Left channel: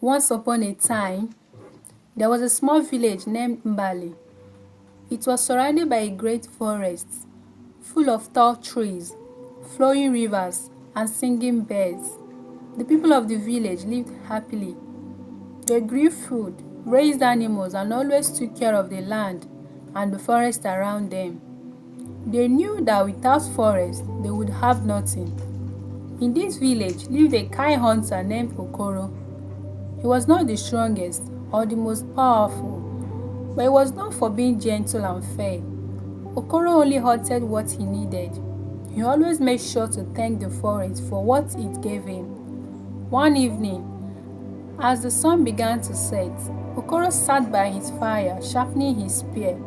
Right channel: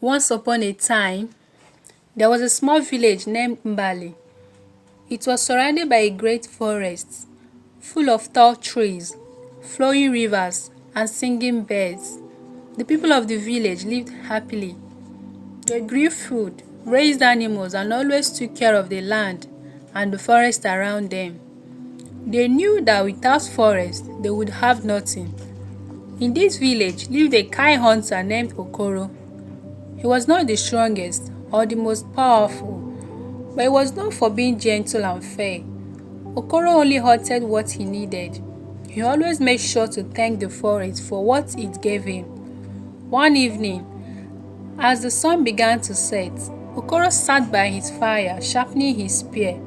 Once upon a time, there was a small village named Mbali. It was surrounded by a great forest, full of tall trees, flowing rivers, and singing birds. The people of the village lived happily. They grew food, raised animals, and always took care of the land and the forest around them. They knew that without forest, they would have nothing. In this village lived a kind hunter named Okoro. He was not the strongest or the most powerful, but he was known for being gentle and fair. Okoro only hunted what he needed. He always made sure to thank the forest for what it gave him. One evening, as the sun began to set, Okoro sat by his fire, sharpening his spear.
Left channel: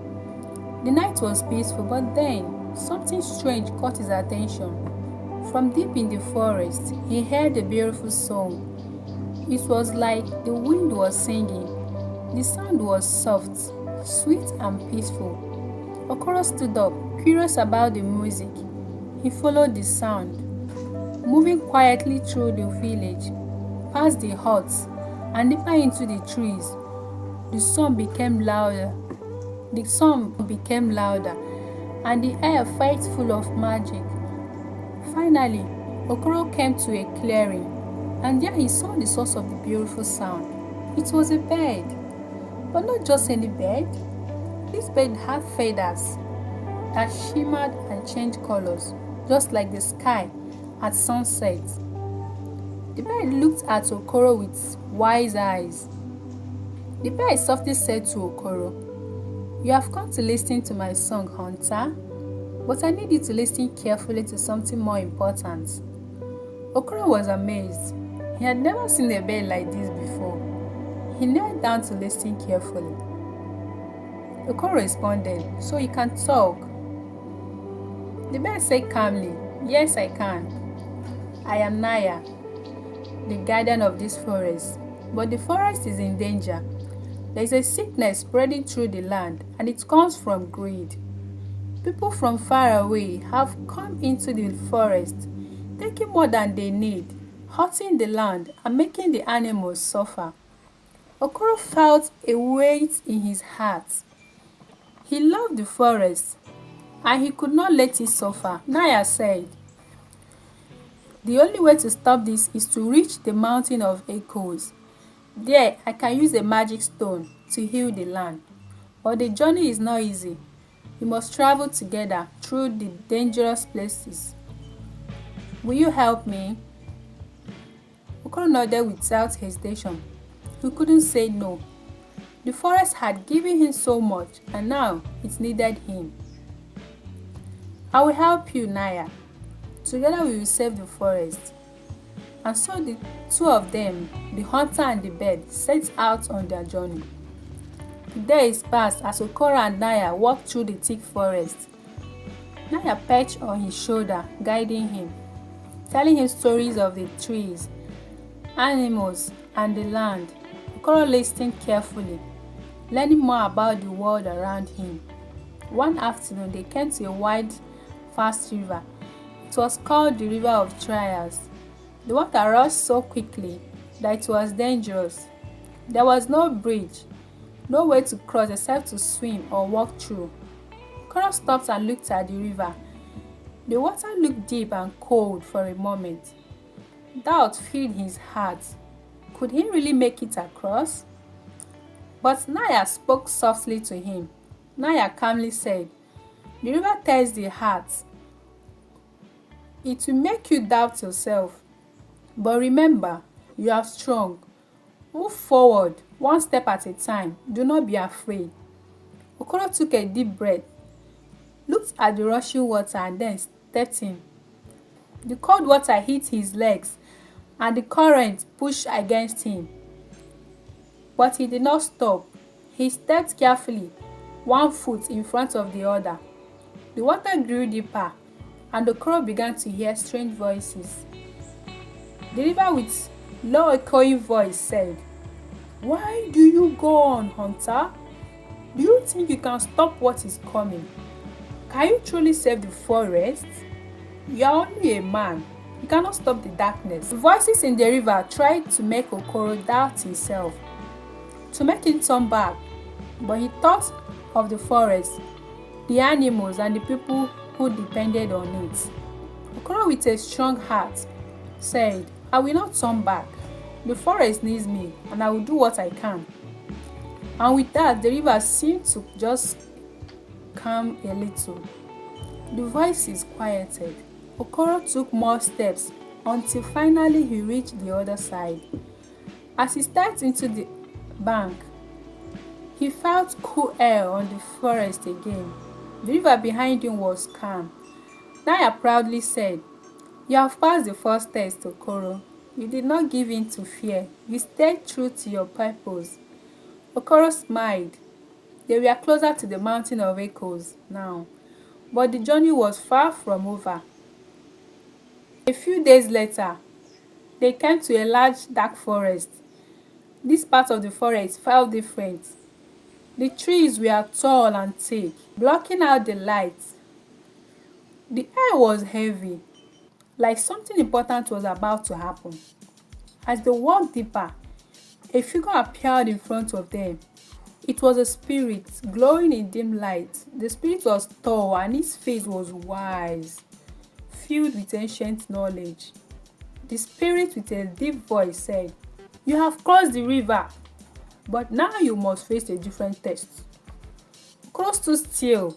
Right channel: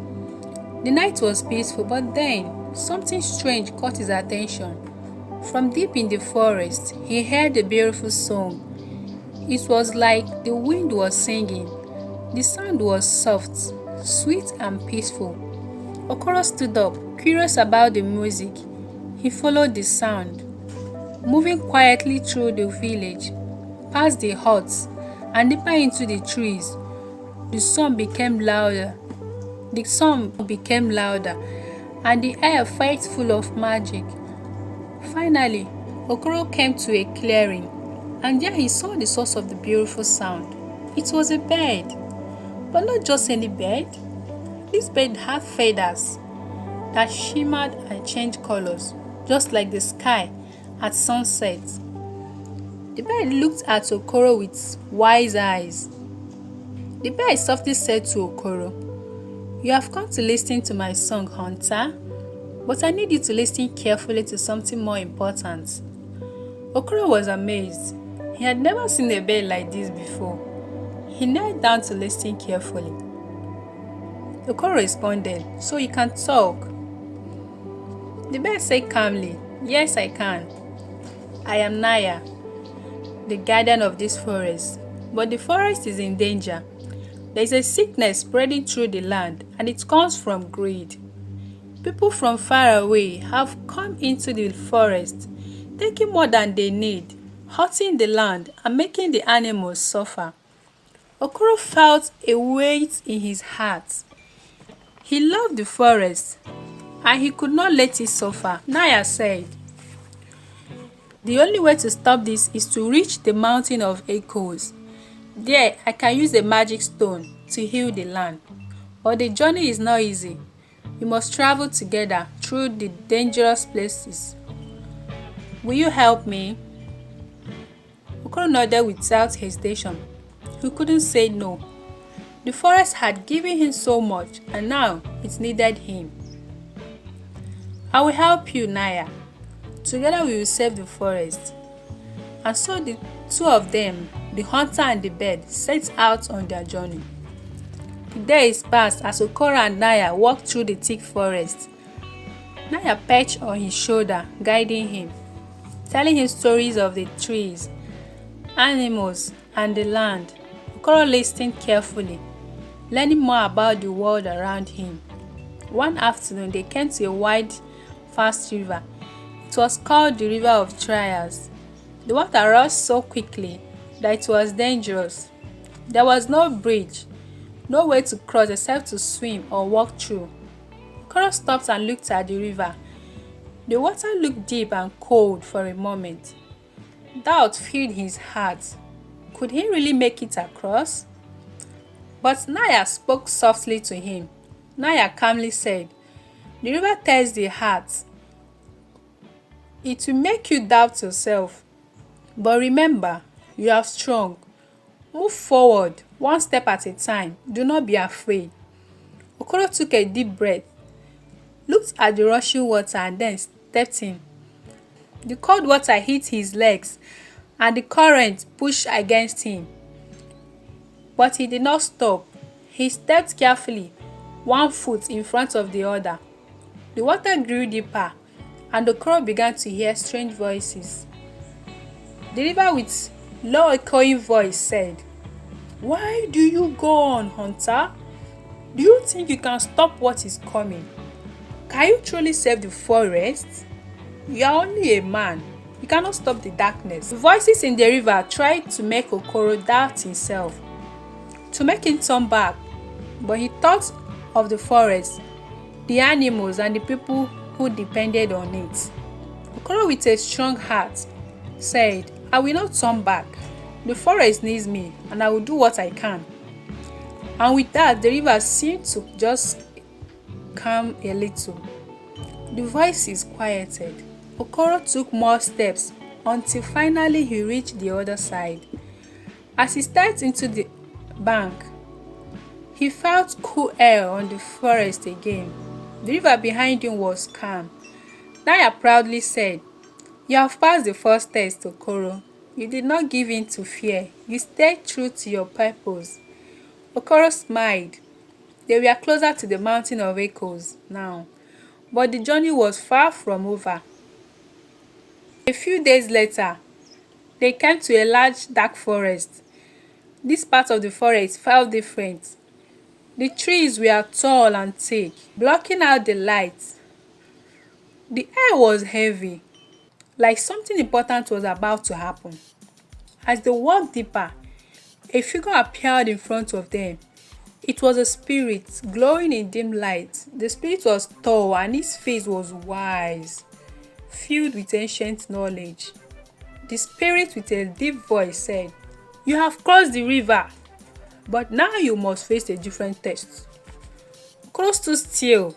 The night was peaceful, but then something strange caught his attention. From deep in the forest, he heard a beautiful song. It was like the wind was singing. The sound was soft, sweet, and peaceful. Okoro stood up, curious about the music. He followed the sound, moving quietly through the village, past the huts, and deeper into the trees. The song became louder. And the air felt full of magic. Finally, Okoro came to a clearing, and there he saw the source of the beautiful sound. It was a bird, but not just any bird. This bird had feathers that shimmered and changed colors, just like the sky at sunset. The bird looked at Okoro with wise eyes. The bird softly said to Okoro, "You have come to listen to my song, hunter, but I need you to listen carefully to something more important." Okoro was amazed. He had never seen a bird like this before. He knelt down to listen carefully. Okoro responded, "So you can talk?" The bird said calmly, "Yes, I can. I am Naya, the guardian of this forest. But the forest is in danger. There is a sickness spreading through the land, and it comes from greed. People from far away have come into the forest, taking more than they need, hurting the land, and making the animals suffer." Okoro felt a weight in his heart. He loved the forest, and he could not let it suffer. Naya said, "The only way to stop this is to reach the mountain of echoes. There, I can use a magic stone to heal the land. But the journey is not easy. We must travel together through the dangerous places. Will you help me?" Okoro nodded without hesitation. He couldn't say no. The forest had given him so much, and now it needed him. "I will help you, Naya. Together we will save the forest." And so the two of them, the hunter and the bird, set out on their journey. The days passed as Okoro and Naya walked through the thick forest. Naya perched on his shoulder, guiding him, telling him stories of the trees, animals, and the land. Okoro listened carefully, learning more about the world around him. One afternoon, they came to a wide, fast river. It was called the River of Trials. The water rushed so quickly that it was dangerous. There was no bridge, no way to cross except to swim or walk through. Okoro stopped and looked at the river. The water looked deep and cold for a moment. Doubt filled his heart. Could he really make it across? But Naya spoke softly to him. Naya calmly said, "The river tears the heart. It will make you doubt yourself. But remember, you are strong. Move forward, one step at a time. Do not be afraid." Okoro took a deep breath, looked at the rushing water, and then stepped in. The cold water hit his legs, and the current pushed against him. But he did not stop. He stepped carefully, one foot in front of the other. The water grew deeper, and Okoro began to hear strange voices. The river, with low echoing voice, said, "Why do you go on, hunter? Do you think you can stop what is coming? Can you truly save the forest? You are only a man." You cannot stop the darkness. The voices in the river tried to make Okoro doubt himself, to make him turn back, but he thought of the forest, the animals, and the people who depended on it. Okoro, with a strong heart, said, I will not turn back. The forest needs me, and I will do what I can. And with that, the river seemed to just calm a little. The voices quieted. Okoro took more steps until finally he reached the other side. As he stepped into the bank, he felt cool air on the forest again. The river behind him was calm. Naya proudly said, You have passed the first test, Okoro. You did not give in to fear. You stayed true to your purpose. Okoro smiled. They were closer to the mountain of echoes now, but the journey was far from over. A few days later, they came to a large dark forest. This part of the forest felt different. The trees were tall and thick, blocking out the light. The air was heavy, like something important was about to happen. As they walked deeper, a figure appeared in front of them. It was a spirit, glowing in dim light. The spirit was tall and his face was wise, filled with ancient knowledge. The spirit, with a deep voice, said, You have crossed the river, but now you must face a different test. Okoro stood still,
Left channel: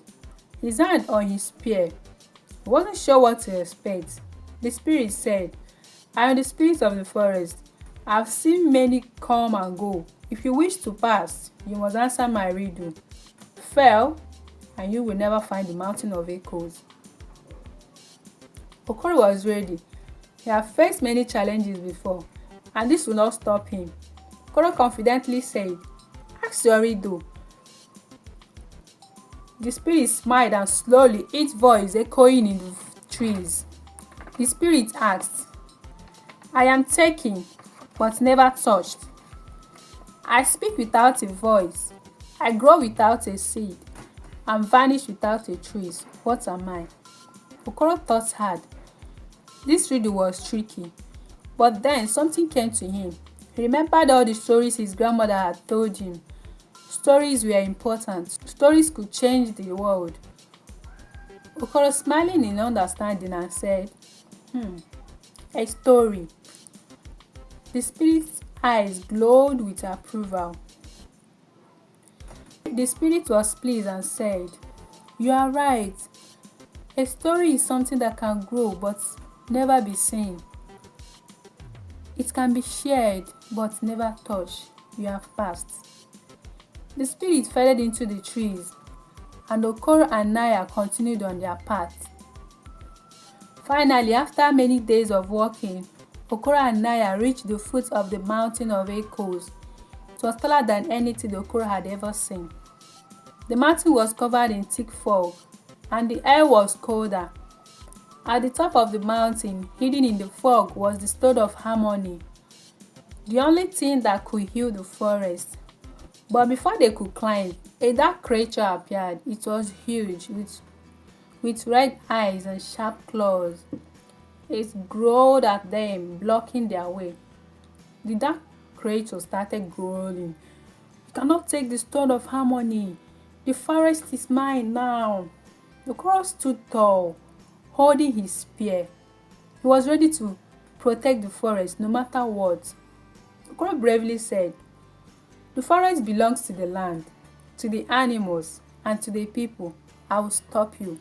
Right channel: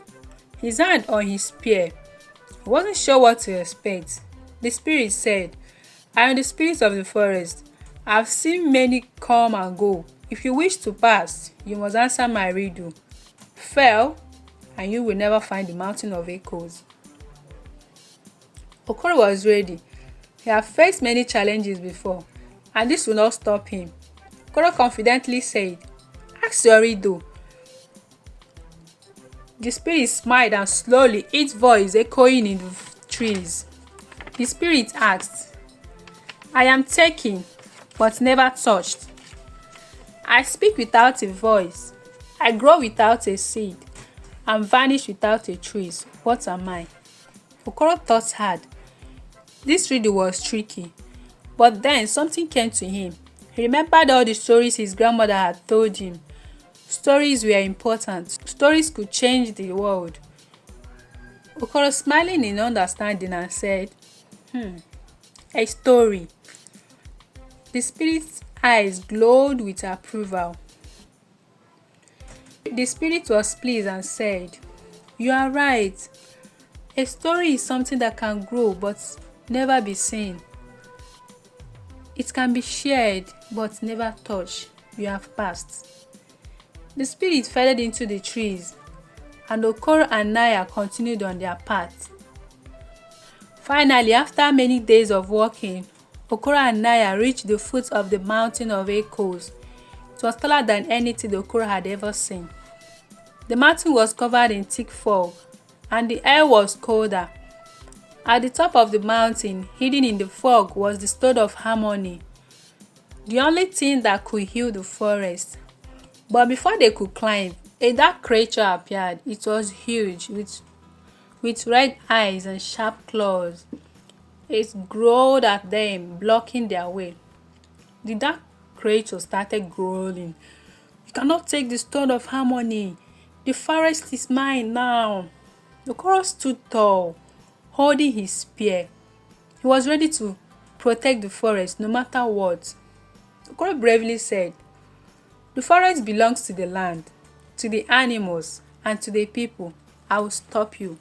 his hand on his spear. He wasn't sure what to expect. The spirit said, I am the spirit of the forest. I have seen many come and go. If you wish to pass, you must answer my riddle. Fail, and you will never find the mountain of echoes. Okoro was ready. He had faced many challenges before, and this will not stop him. Okoro confidently said, Ask your riddle. The spirit smiled and slowly, its voice echoing in the trees. The spirit asked, I am taken, but never touched. I speak without a voice. I grow without a seed, and vanish without a trace. What am I? Okoro thought hard. This riddle was tricky, but then something came to him. He remembered all the stories his grandmother had told him. Stories were important. Stories could change the world. Okoro smiling in understanding and said, A story. The spirit's eyes glowed with approval. The spirit was pleased and said, You are right. A story is something that can grow but never be seen. It can be shared but never touched. You have passed. The spirit faded into the trees, and Okoro and Naya continued on their path. Finally, after many days of walking, Okoro and Naya reached the foot of the mountain of echoes. It was taller than anything Okoro had ever seen. The mountain was covered in thick fog, and the air was colder. At the top of the mountain, hidden in the fog, was the stone of harmony, the only thing that could heal the forest. But before they could climb, a dark creature appeared. It was huge, with red eyes and sharp claws. It growled at them, blocking their way. The dark creature started growling. You cannot take the stone of harmony. The forest is mine now. Okoro stood tall, holding his spear. He was ready to protect the forest no matter what. Okoro bravely said, The forest belongs to the land, to the animals, and to the people. I will stop you.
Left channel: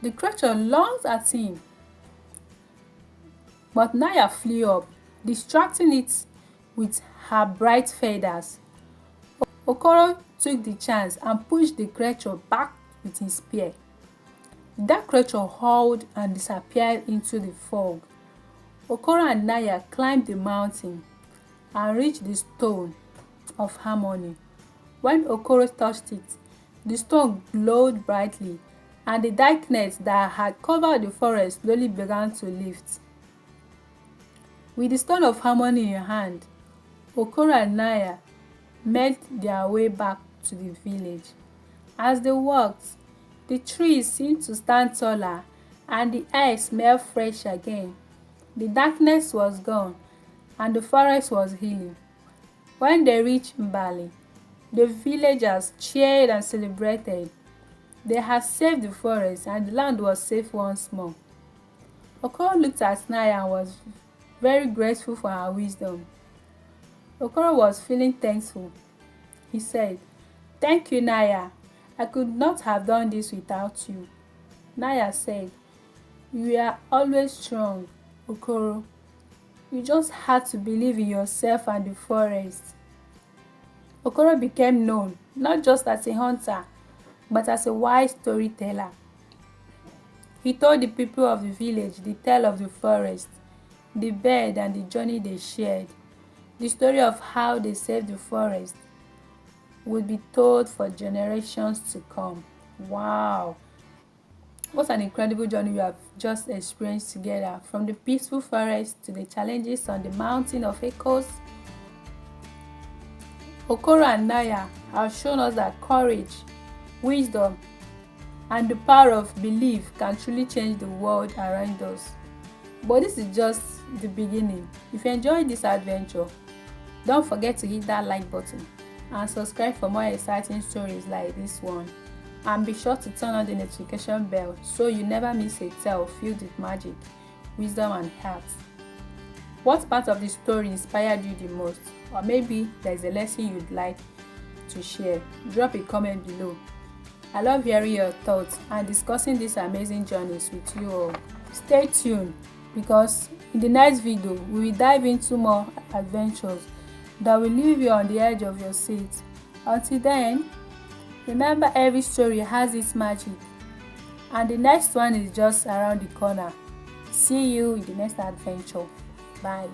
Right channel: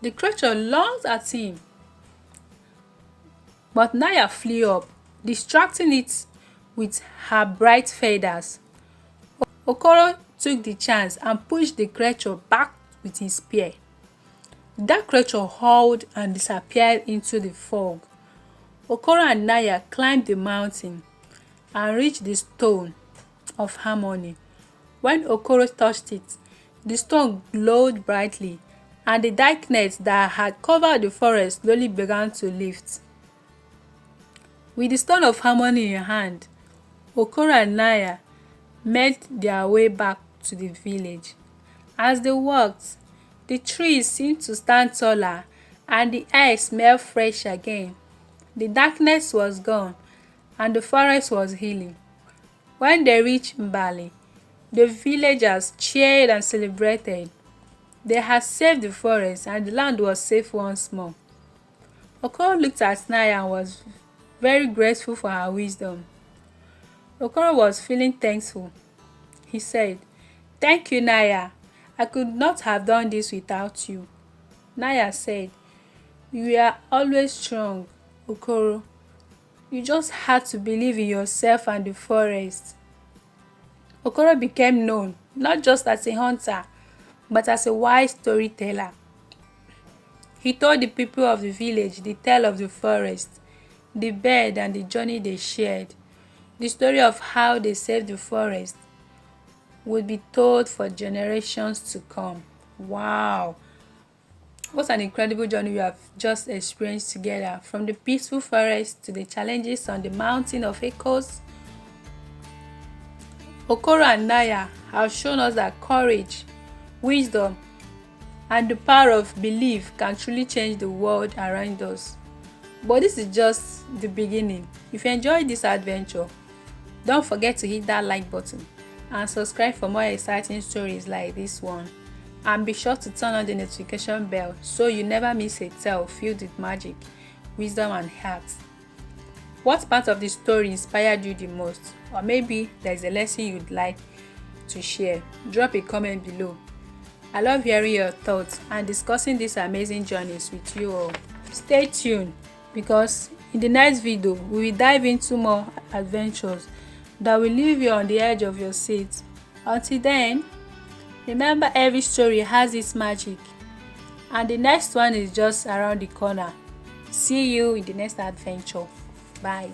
The creature lunged at him, but Naya flew up, distracting it with her bright feathers. Okoro took the chance and pushed the creature back with his spear. That creature howled and disappeared into the fog. Okoro and Naya climbed the mountain and reached the stone of harmony. When Okoro touched it, the stone glowed brightly, and the darkness that had covered the forest slowly began to lift. With the stone of harmony in hand, Okoro and Naya made their way back to the village. As they walked, the trees seemed to stand taller, and the air smelled fresh again. The darkness was gone, and the forest was healing. When they reached Mbali, the villagers cheered and celebrated. They had saved the forest, and the land was safe once more. Okoro looked at Naya and was very grateful for her wisdom. Okoro was feeling thankful. He said, "Thank you, Naya. I could not have done this without you." Naya said, "You are always strong, Okoro. You just had to believe in yourself and the forest." Okoro became known not just as a hunter, but as a wise storyteller. He told the people of the village the tale of the forest, the bird, and the journey they shared. The story of how they saved the forest would be told for generations to come. Wow! What an incredible journey we have just experienced together, from the peaceful forest to the challenges on the mountain of echoes. Okoro and Naya have shown us that courage, wisdom, and the power of belief can truly change the world around us. But this is just the beginning. If you enjoyed this adventure, don't forget to hit that like button and subscribe for more exciting stories like this one. And be sure to turn on the notification bell so you never miss a tale filled with magic, wisdom, and heart. What part of the story inspired you the most? Or maybe there's a lesson you'd like to share? Drop a comment below. I love hearing your thoughts and discussing these amazing journeys with you all. Stay tuned, because in the next video we will dive into more adventures that will leave you on the edge of your seat. Until then, remember, every story has its magic, and the next one is just around the corner. See you in the next adventure. Bye.